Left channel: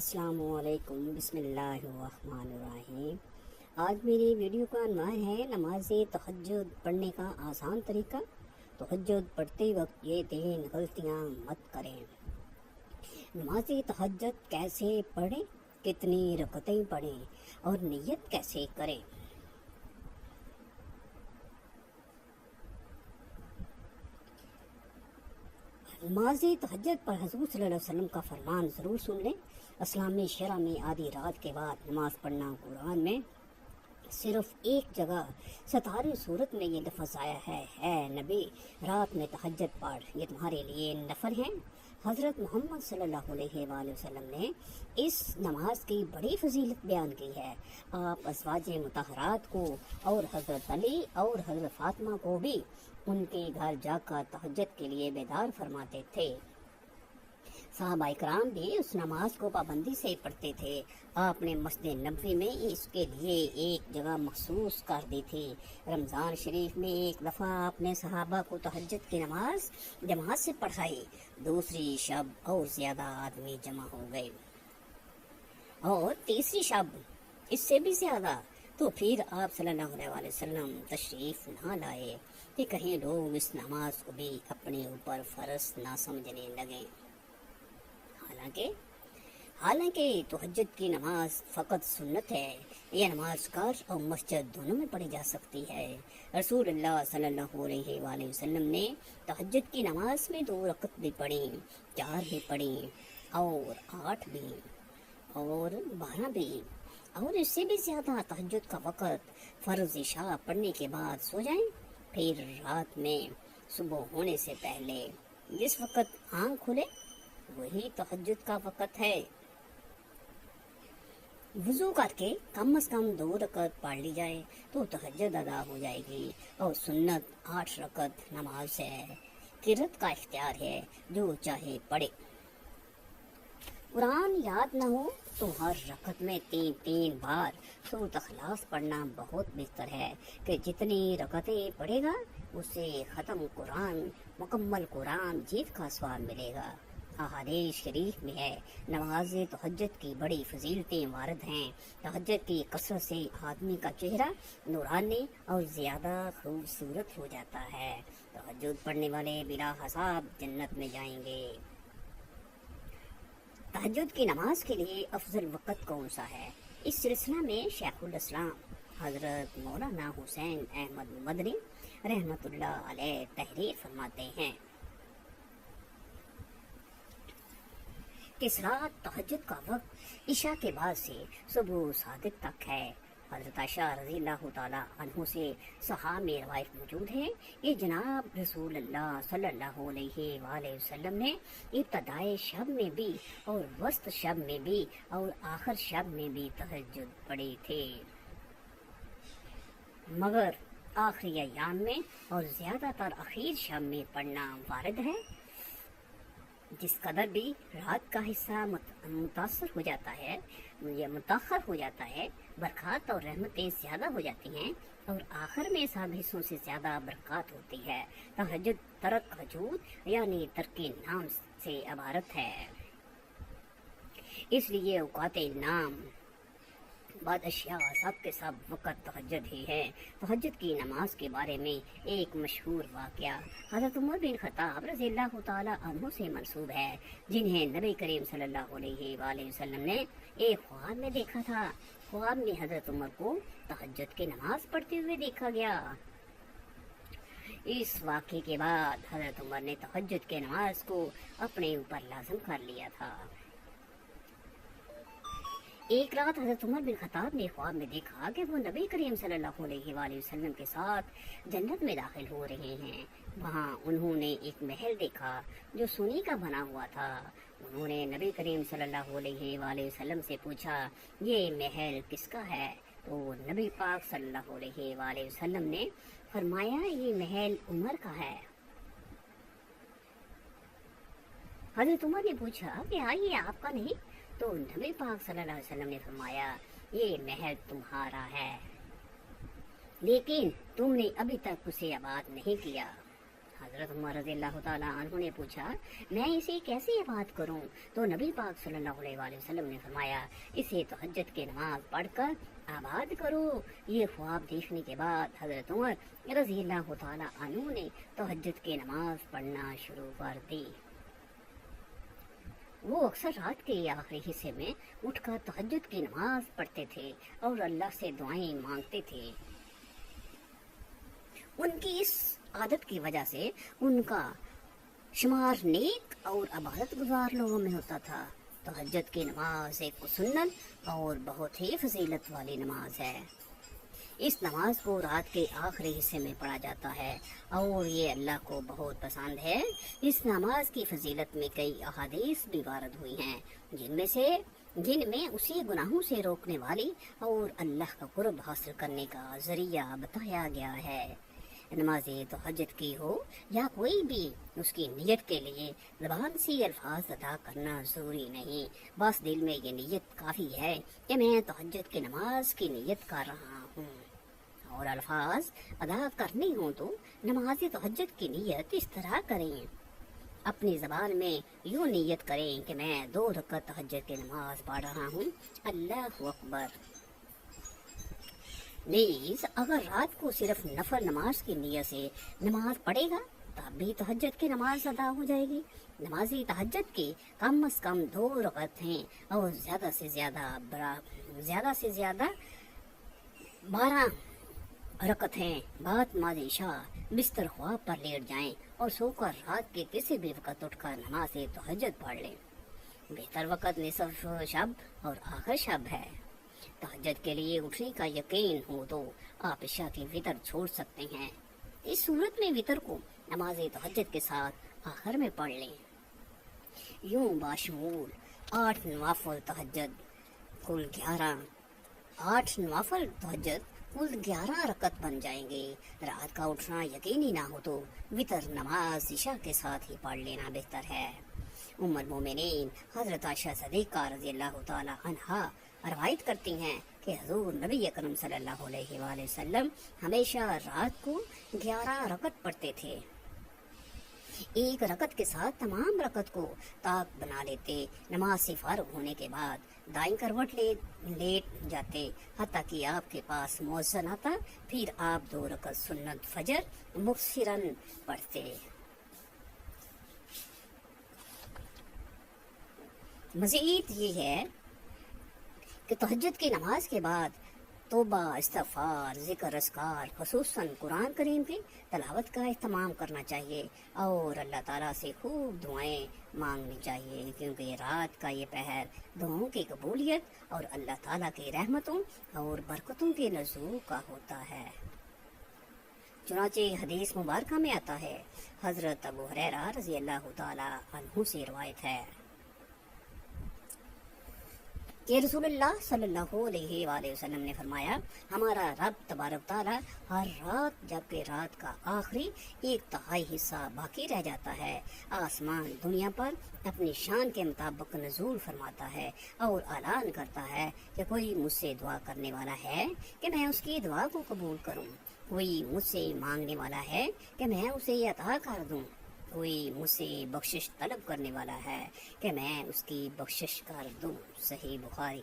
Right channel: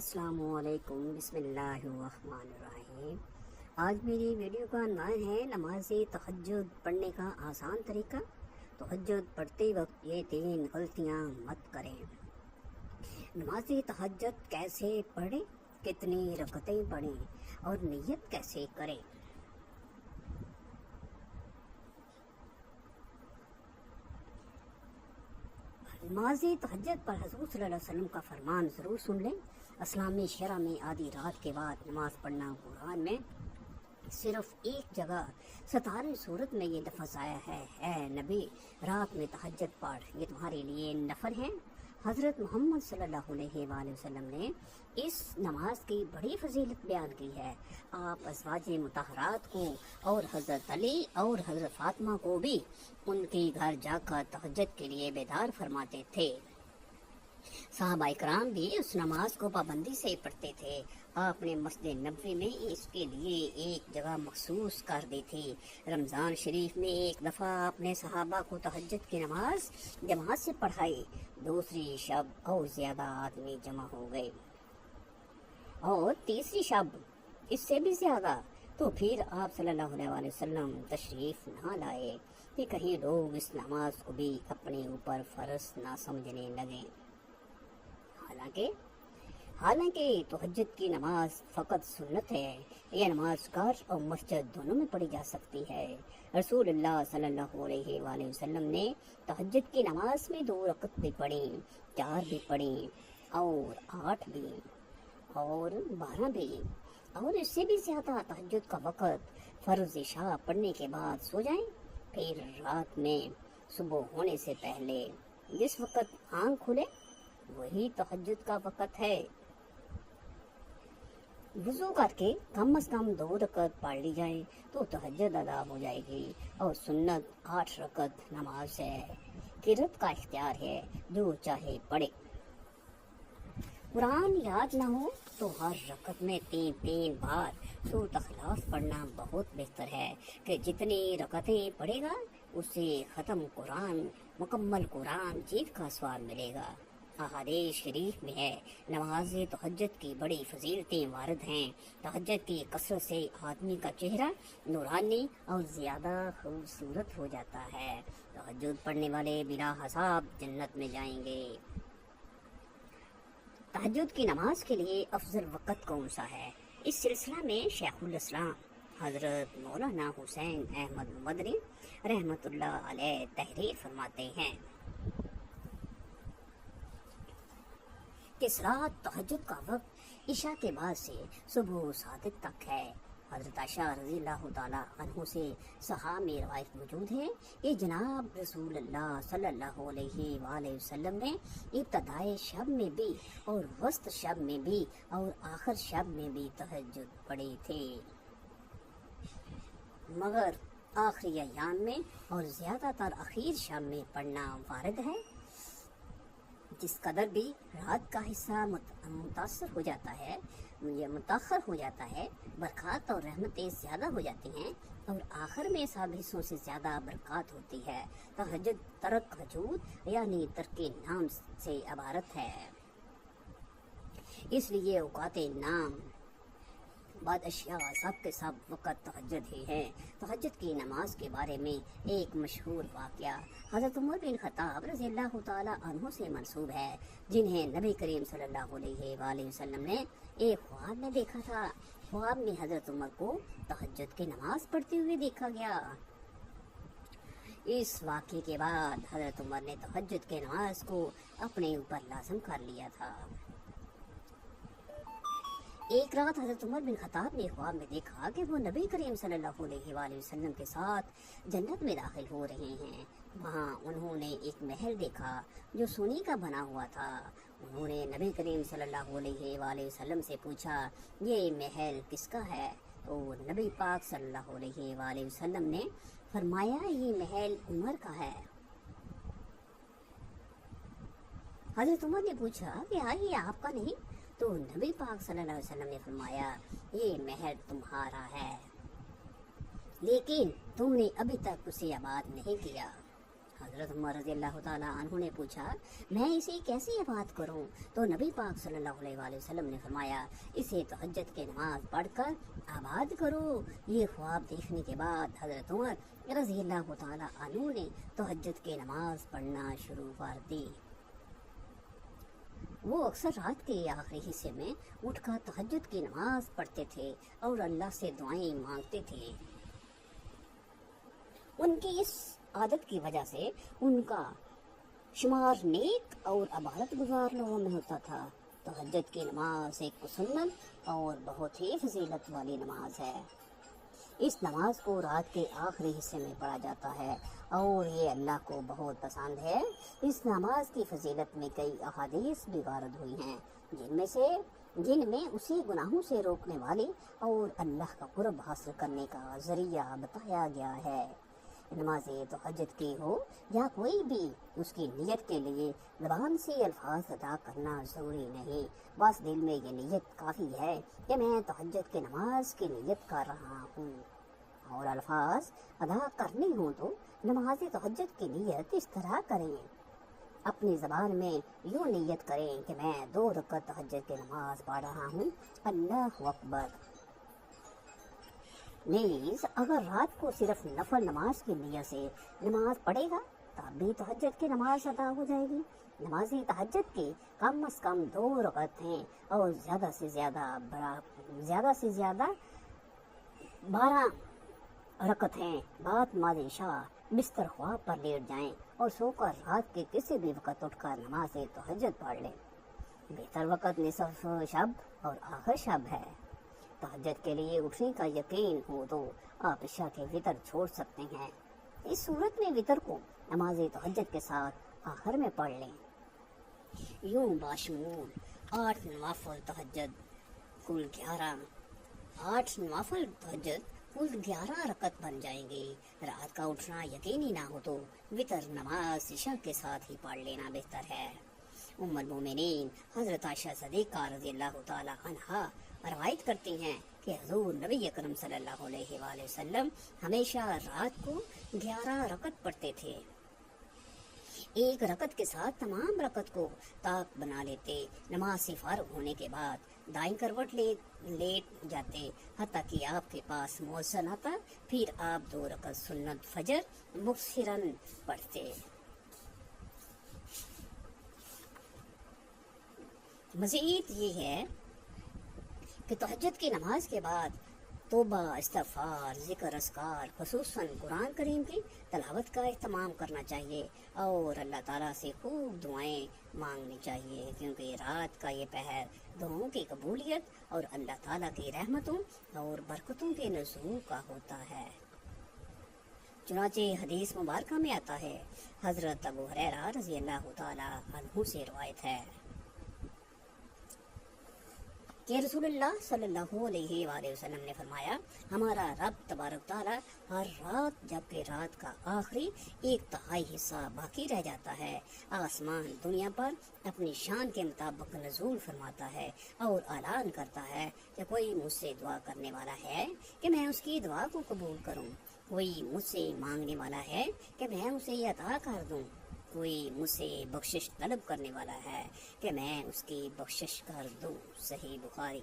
السلام علیکم، بسم اللہ الرحمن الرحیم۔ آج میری ویڈیو کا عنوان ہے نماز تہجد پڑھنے کا آسان طریقہ۔ تہجد پڑھتے وقت یہ 3 غلطیاں مت کریں۔ نماز تہجد کیسے پڑھیں، کتنی رکعتیں پڑھیں اور نیت کیسے کریں۔ نماز تہجد پر حضور صلی اللہ علیہ وسلم کا فرمان ضرور سن لیں۔ اسلامی شرع میں آدھی رات کے بعد نماز پڑھنا قرآن میں صرف ایک جگہ 17ویں سورت میں یہ لفظ آیا ہے، اے نبی رات میں تہجد پڑھ، یہ تمہارے لیے نفل ہے۔ حضرت محمد صلی اللہ علیہ وآلہ وسلم نے اس نماز کی بڑی فضیلت بیان کی ہے۔ آپ ازواج مطہرات کو اور حضرت علی اور حضرت فاطمہ کو بھی ان کے گھر جا کر تہجد کے لیے بیدار فرماتے تھے۔ صحابہ کرام بھی اس نماز کو پابندی سے پڑھتے تھے۔ آپ نے مسجد نبوی میں اس کے لیے ایک جگہ مخصوص کر دی تھی۔ رمضان شریف میں ایک دفعہ آپ نے صحابہ کو تہجد کی نماز جماعت سے پڑھائی۔ دوسری شب اور زیادہ آدمی جمع ہو گئے اور تیسری شب اس سے بھی زیادہ، تو پھر آپ صلی اللہ علیہ وسلم تشریف نہ لائے کہ کہیں لوگ اس نماز کو بھی اپنے اوپر فرض نہ سمجھنے لگیں۔ حالانکہ تہجد کی نماز فقط سنت ہے۔ یہ نماز گھر اور مسجد دونوں میں پڑھی جا سکتی ہے۔ رسول اللہ صلی اللہ علیہ وآلہ وسلم نے تہجد کی نماز میں 2 رکعت بھی پڑھی، 4 بھی پڑھی اور 8 بھی اور 12 بھی اور اس سے بھی زیادہ۔ تہجد کا وقت فرض عشاء پڑھنے کے بعد سو جائیں، پھر رات میں صبح ہونے سے پہلے جس وقت آنکھ کھلے وہی تہجد کا وقت ہے۔ وضو کر کے کم از کم 2 رکعت پڑھ لی جائے تو تہجد ادا ہو جائے گی، اور سنت 8 رکعت نماز ہے۔ قرات کا اختیار ہے، جو چاہے پڑھے۔ قرآن یاد نہ ہو تو ہر رکعت میں 3 بار سورۃ اخلاص پڑھنا بہت بہتر ہے کہ جتنی رکعتیں پڑھے گا اسے ختم قرآن، مکمل قرآن جیت کا ثواب ملے گا۔ احادیث شریف میں ہے، نماز تہجد کی بڑی فضیلتیں وارد ہیں۔ تہجد کی کثرت سے آدمی کا چہرہ نورانی اور زیادہ خوبصورت ہو جاتا ہے۔ تہجد پڑھنے والے بلا حساب جنت میں جائیں گے۔ تہجد کی نماز کے لیے افضل وقت کون سا ہے؟ اس سلسلہ میں شیخ الاسلام حضرت مولانا حسین احمد مدنی رحمۃ اللہ علیہ تحریر فرماتے ہیں کہ رات تہجد کا وقت عشاء کے بعد سے صبح صادق تک ہے۔ حضرت عائشہ رضی اللہ تعالیٰ عنہ سے صحاح میں روایت موجود ہے کہ جناب رسول اللہ صلی اللہ علیہ وآلہ وسلم نے ابتدائے شب میں بھی اور وسط شب میں بھی اور آخر شب میں بھی تہجد پڑھی تھی، مگر آخری ایام میں اور زیادہ تر اخیر شب میں پڑھنا وارد ہے۔ جس قدر بھی رات کا حصہ متاثر ہو جاتا ہے یا متاخر ہو جاتا ہے، برکات اور رحمتیں زیادہ ہو جاتی ہیں اور آخر میں سب حصوں سے زیادہ برکات ہوتی ہے۔ تہجد ترک حجود یعنی ترک نام سے عبارت ہے، اس لیے اوقات نام بعد اشیاء سب کے سب وقت تہجد ہی ہے۔ تہجد کی نماز کے بارے میں ایک مشہور واقعہ حضرت عمر بن خطاب رضی اللہ تعالیٰ عنہ سے منسوب ہے، جنہیں نبی کریم صلی اللہ علیہ وآلہ وسلم نے ایک خواب میں دیکھا تھا۔ خواب میں حضرت عمر کو تہجد کی نماز پڑھتے ہوئے دیکھا گیا۔ اس واقعے کے بعد حضرت عمر نے تہجد کی نماز کو اپنے اوپر لازم کر لیا تھا۔ ایک رات حضرت عمر بن خطاب نے خواب میں دیکھا کہ وہ نبی کریم صلی اللہ علیہ وآلہ وسلم کے ساتھ جنت میں داخل ہو رہے ہیں۔ وہاں انہوں نے ایک محل دیکھا جو سونے کا بنا ہوا تھا۔ انہوں نے نبی کریم صلی اللہ علیہ وآلہ وسلم سے پوچھا، یہ محل کس کا ہے؟ تو نبی پاک صلی اللہ علیہ وآلہ وسلم نے فرمایا، یہ محل عمر کا ہے۔ حضرت عمر نے پوچھا کہ یہ آپ کا نہیں؟ تو نبی پاک صلی اللہ علیہ وسلم نے فرمایا، یہ محل تمہارا ہے لیکن تم نے ابھی تک اسے آباد نہیں کیا۔ हज़रत उमर रज़ी अल्लाह ताला अन्हु ने पूछा, मैं इसे कैसे आबाद करूं? तो नबी पाक सल्लल्लाहु अलैहि वसल्लम ने फरमाया, इसे तहज्जुद की नमाज पढ़कर आबाद करो। ये ख्वाब देखने के बाद हज़रत उमर रज़ी अल्लाह ताला अन्हु ने तहज्जुद की नमाज पढ़ना शुरू कर दी। वो अक्सर रात के आखिरी हिस्से में उठकर तहज्जुद की नमाज पढ़ते थे और अल्लाह से दुआएं मांगते थे। उनकी इस आदत की वजह से उनका शुमार नेक और इबादत गुजार लोगों में होता था। तहज्जुद की नमाज एक सुन्नत और बहुत ही फजीलत वाली नमाज है। इस नमाज को रात के आखिरी हिस्से में पढ़ा जाता है और ये अल्लाह को बहुत पसंद है। इस नमाज की फजीलत में कई अहादीस भी वारद हुई हैं, जिनमें उसे गुनाहों से रोकने वाली और अल्लाह का कुर्ब हासिल करने का जरिया बताया गया है। नमाज तहज्जुद की हो या कोई भी, उसकी नियत के लिए ज़बान से अल्फाज अदा करना ज़रूरी नहीं, बस दिल में ये नियत काफ़ी है कि मैं तहज्जुद की नमाज की नियत कर रहा हूँ। और अल्फाज अदा करने हों तो नमाज तहज्जुद की नियत इस तरह करें। अपनी ज़बान में यूँ नियत करें कि मैं 2 रकात तहज्जुद की नमाज पढ़ रहा हूँ, अल्लाहु अकबर। नीज़ अगर रात को सिर्फ नफल नमाज की नियत से नमाज पढ़ेगा तब भी तहज्जुद की नमाज अदा हो जाएगी। नमाजी तहज्जुद के कम अज़ कम 2 रकात हैं और ज़्यादा से ज़्यादा 12 रकत हैं। बाद मादिशा बिस्तर ख्वाब पर लेट जाएं और सोकर रात के किसी भी वक़्त उठकर नमाज तहज्जुद पढ़ लें। बेहतर वक़्त निसफ शब और आखिर शब है। तहज्जुद के लिए उठने का यकीन हो तो आप इशा के वितर छोड़ सकते हैं। इस सूरत में वितर को नमाज तहज्जुद के साथ आखिर में पढ़ लें। यूँ बाशमूल 8 नवाफिल तहज्जुद कुल 11 रकत बन जाएंगे। रात का उठना यकीनी ना हो तो वितर नमाज इशा के साथ ही पढ़ लेना बेहतर है। उम्मुल मोमिनीन हज़रत आयशा सिद्दीक़ा रज़ियल्लाहु ताला अन्हा रवायत करती हैं कि हुज़ूर नबी अकरम सल्लल्लाहु अलैहि वसल्लम हमेशा रात को 11 रकत पढ़ते थे। एक रकत के साथ तमाम रकत को ताक बना लेते। नमाज से फारिग होने के बाद दाईं करवट लेट जाते हत्ता कि आपके पास मुअज्जिन आता, फिर आप 2 रकत सुन्नत फजर मुबशिरन पढ़ते। मज़ीद ये है कि तहज्जुद की नमाज के बाद तौबा, इस्तिग़फ़ार, ज़िक्र, अस्कार, ख़ुसूसन कुरान करीम की तलावत का इह्तिमाम करना चाहिए और अल्लाह ताला से खूब दुआएं मांगनी चाहिए, क्योंकि रात का ये पहर दुआओं की कबूलियत और अल्लाह ताला की रहमतों और बरकतों के नज़ूल का होता है। चुनांचे हदीस मुबारका में आता है, हज़रत अबू हुरैरा रज़ी अल्लाह ताला अन्हु से रवायत है कि रसूलुल्लाह सल्लल्लाहु अलैहि वसल्लम ने फरमाया, हमारा रब तबारक ताला हर रात जबकि रात का आखिरी 1/3 हिस्सा बाकी रह जाता है, आसमान दुनिया पर अपनी शान के मुताबिक नज़ूल फरमाता है और ऐलान करता है कि कोई मुझसे दुआ करने वाला है कि मैं उसकी दुआ को कबूल करूं, कोई मुझसे मांगने वाला है कि मैं उसे अता कर दूं, कोई मुझसे बख्शिश तलब करने वाला है कि मैं उसकी बख्शिश कर दूं। सही बुखारी।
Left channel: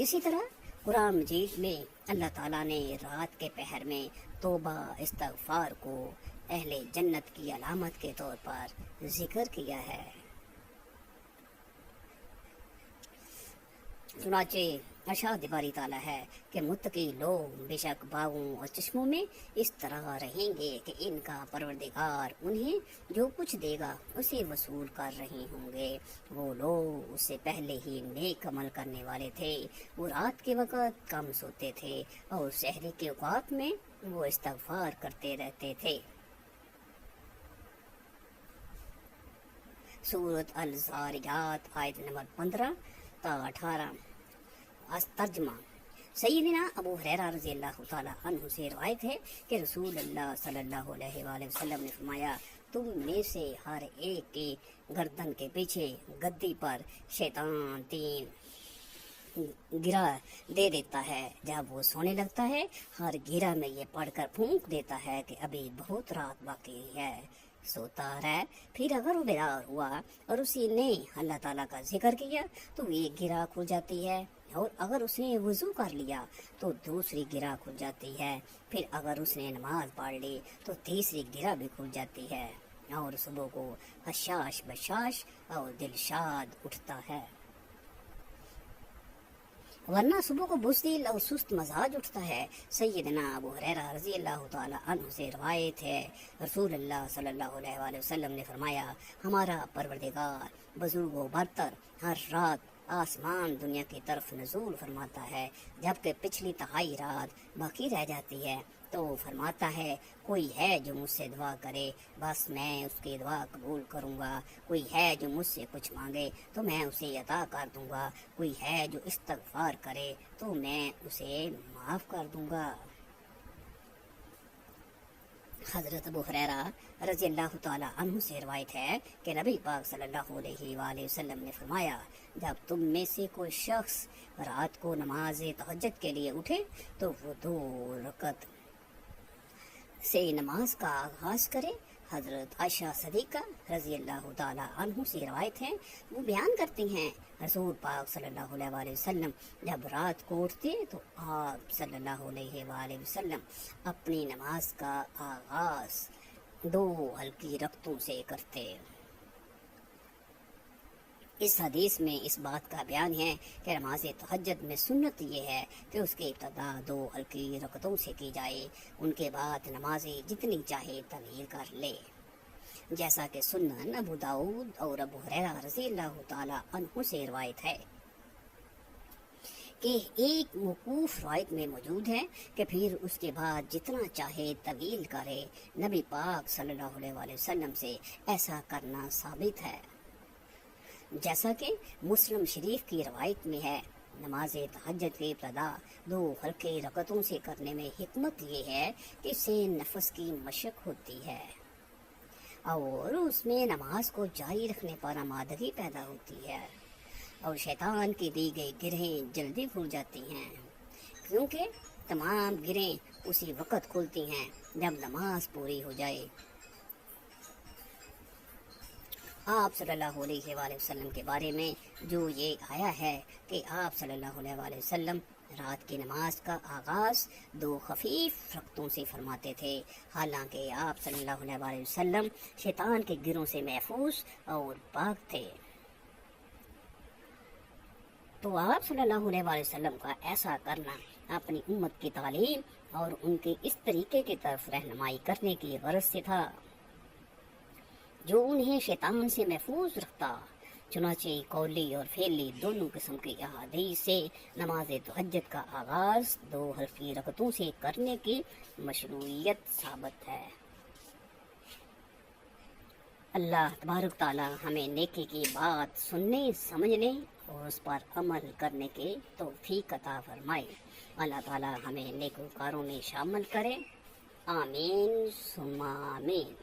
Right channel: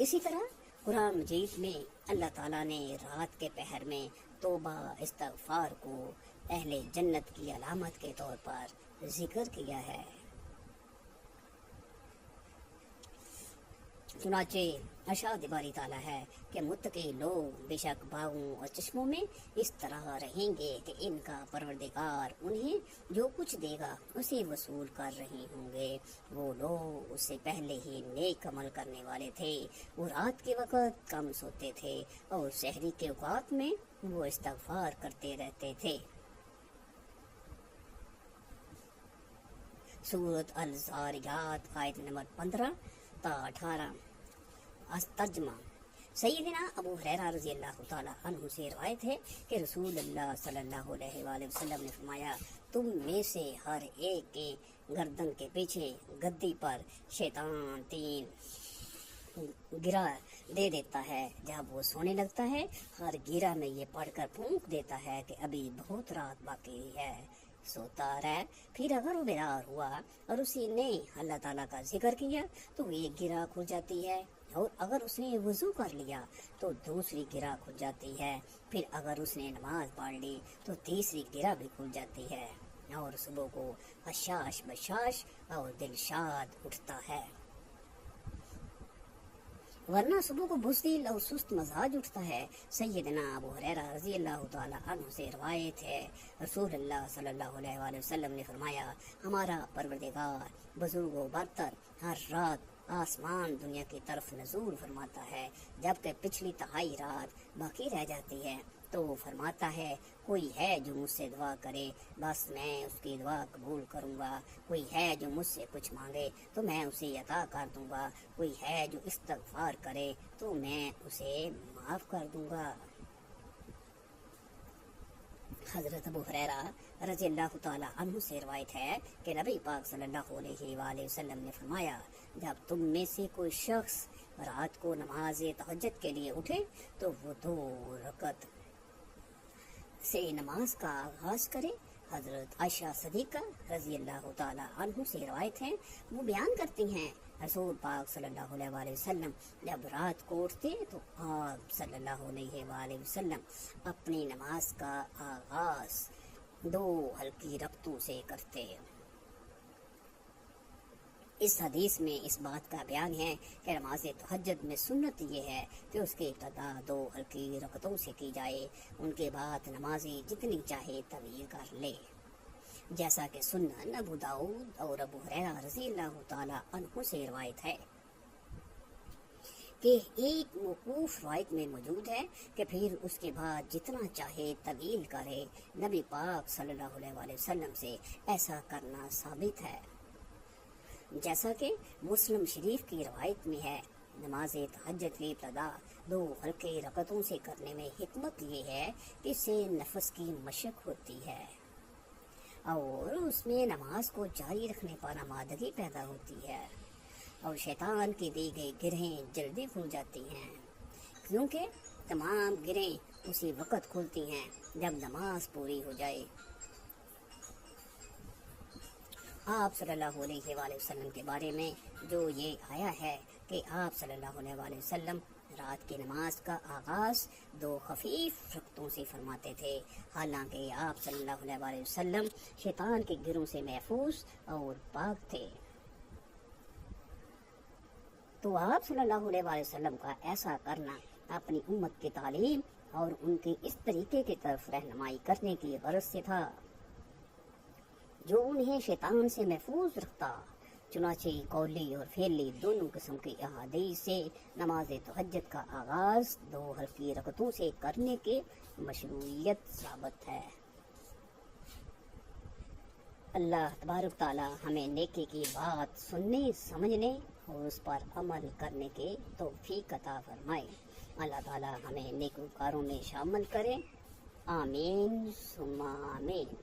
इसी तरह कुरान मजीद में अल्लाह ताला ने रात के पहर में तौबा, इस्तिग़फ़ार को अहले जन्नत की अलामत के तौर पर जिक्र किया है। चुनांचे अरशाद बारी ताला है कि मुत्तकी लोग बेशक बागों और चश्मों में इस तरह रहेंगे कि इनका परवरदिगार उन्हें जो कुछ देगा उसे वसूल कर रहे होंगे। वो लोग उससे पहले ही नेक अमल करने वाले थे, वो रात के वक़्त कम सोते थे और सहरी के औकात में वो इस्तिग़फ़ार करते रहते थे। सूरत अल-ज़ारियात आयत नंबर 15 ता 18। तर्जुमा। सैयदना अबू हुरैरा रज़ी अल्लाह ताला अन्हु से रवायत है कि रसूलुल्लाह सल्लल्लाहु अलैहि वसल्लम ने फरमाया, तुम में से हर एक के गर्दन के पीछे गद्दी पर शैतान 3 गिरा दे देता है। जब वो सोने लगता है, हर गिरा में ये पढ़कर फूंक देता है कि अभी बहुत रात बाकी है, सोता रह। फिर अगर वो बेदार हुआ और उसी ने अल्लाह ताला का जिक्र किया तो एक गिरा खुल जाती है, और अगर उसने वज़ू कर लिया तो दूसरी गिरा खुल जाती है। फिर अगर उसने नमाज पढ़ ली तो तीसरी गिरा भी खुल जाती है, और सुबह को हशाश बशाश और दिलशाद उठता है। वरना सुबह को बुज़दिल और सुस्त मजाज उठता है। सैयदना अबू हुरैरा रज़ी अल्लाह तआला अन्हु से रवायत है, रसूलुल्लाह सल्लल्लाहु अलैहि वसल्लम ने फरमाया, हमारा परवरदिगार बुजुर्गों बरतर हर रात आसमान दुनिया की तरफ नज़ूल फरमाता है, जबकि पिछली तिहाई रात बाकी रह जाती है। तो फरमाता है, कोई है जो मुझसे दुआ करे, बस मैं उसकी दुआ कबूल करूँगा। कोई है जो मुझसे कुछ मांगे तो मैं उसे अता कर दूँगा। कोई है जो इस्तग़फ़ार करे तो मैं उसे माफ़ कर दूँगा। हज़रत अबू हुरैरा रज़ी अल्लाह तआला अन्हु से रवायत है कि नबी पाक सल्लल्लाहु अलैहि वसल्लम ने फरमाया, जब तुम में से कोई शख्स रात को नमाज तहज्जुद के लिए उठे तो वो 2 रकत से नमाज का आगाज करे। हज़रत आयशा सदीक़ा रज़ी अल्लाह तआला अन्हु से रवायत है, वो बयान करती हैं, रसूल पाक सल्लल्लाहु अलैहि वसल्लम जब रात को उठते तो आप सल्लल्लाहु अलैहि वसल्लम अपनी नमाज का आगाज 2 हल्की रकतों से करते। इस हदीस में इस बात का बयान है कि नमाज तहज्जुद में सुन्नत ये है कि उसकी इब्तिदा 2 हल्की रकतों से की जाए, उनके बाद नमाजी जितनी चाहे तवील कर ले। जैसा कि सुन्नन अबू दाऊद और अबू हुरैरा रज़ी अल्लाह तआला अन्हु से रवायत है कि एक मौकूफ रवायत में मौजूद है कि फिर उसके बाद जितना चाहे तवील करे। नबी पाक सल्लल्लाहु अलैहि वसल्लम से ऐसा करना साबित है। जैसा कि मुस्लिम शरीफ की रवायत में है, नमाज तहज्जुद की इब्तिदा 2 हल्की रकतों से करने में हिकमत ये है कि इससे नफस की मशक होती है और उसमें नमाज को जारी रखने पर आमादगी पैदा होती है, और शैतान की दी गई गिरहें जल्दी खुल जाती हैं, क्योंकि तमाम गिरहें उसी वक़्त खुलती हैं जब नमाज पूरी हो जाए। आप सल्लल्लाहु अलैहि वसल्लम के बारे में जो ये आया है कि आप सल्लल्लाहु अलैहि वसल्लम रात की नमाज का आगाज़ 2 खफीफ रकतों से फरमाते थे, हालांकि आप सल्लल्लाहु अलैहि वसल्लम शैतान के गिरों से महफूज और पाक थे। तो आप सल्लल्लाहु अलैहि वसल्लम का ऐसा करना अपनी उम्मत की तालीम और उनकी इस तरीके की तरफ रहनुमाई करने की गरज से था जो उन्हें शैतान से महफूज रखता। चुनाचे कौली और फेली दोनों किस्म के अहादीस से नमाज तहज्जुद का आगाज़ 2 हल्की रकतों से करने की मशरूइयत साबित है। अल्लाह तबारक ताला हमें नेकी की बात सुनने, समझने और उस पर अमल करने की तौफीक अता फरमाए। अल्लाह ताला हमें नेकोकारों में शामिल करें। आमीन सुम्मा आमीन।